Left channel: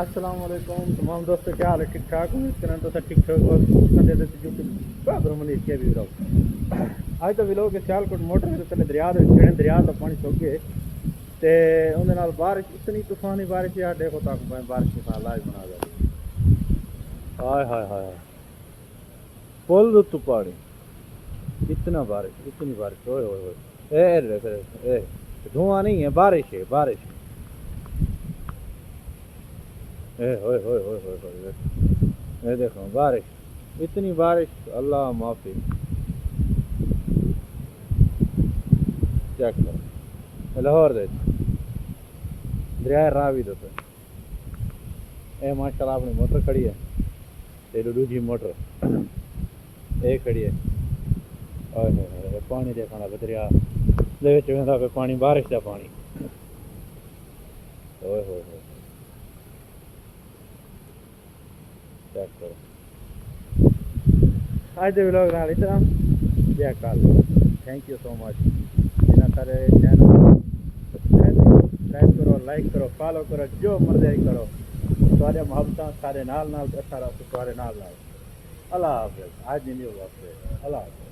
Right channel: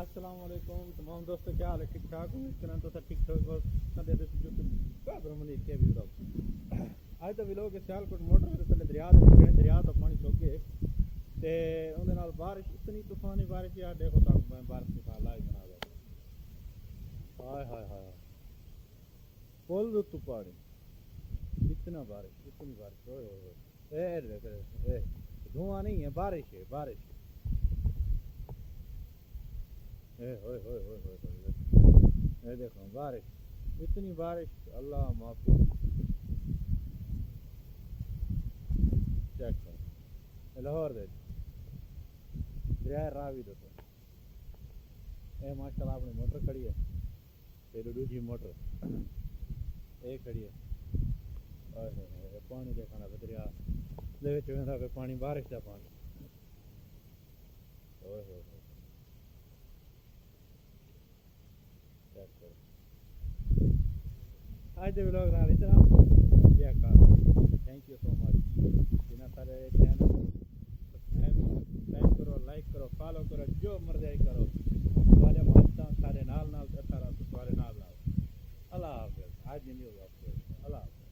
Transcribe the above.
अस्सलाम वालेकुम तमाम दोस्तों, क्या हाल है? ठीक ठाक हूँ। इस तरह तो सब ठीक ठाक और मलेशिया भी रहो। आज तो विलो के सियालकोट मोटर के थले दरिया दरिया तो पानी सुक गए ते उनके नाल बारिश इतनी तूफानी बारिश यार, देखो तक मैं बारिश के साथ लाइव बना दे। हाय हाय हाय हाय, पुल रुतु पानी, इतना बारिश इतनी बारिश, ओए ओए ओए, ए धुआं नहीं है, बारिश है बारिश। ए होए होए होए होए होए, ये देखो बारिश, इतनी बारिश, अल्लाह माफी। चेक करो लाहौर दे दरिया रावी दो ए माशाल्लाह अपनी मोटर खड़ी है ते दूजी मोटर ए खड़ी है। ओए होए पानी देखना दरिया दे विच वेंदा पे पानी, बारिश का पानी। ओए होए होए, चेक करो। आज के व्लॉग नाल इतना, जय काल, थैंक यू सो मच। जिन्हें सारे चैनल सब्सक्राइब करो, लाइक करो, फॉलो करो, जो मर्जी करो। सारे मोहब्बत सारे नाल नाल, सारा सारे नाल नाल। अल्लाह हाफिज़। आज नहीं होगा, अल्लाह हाफिज़।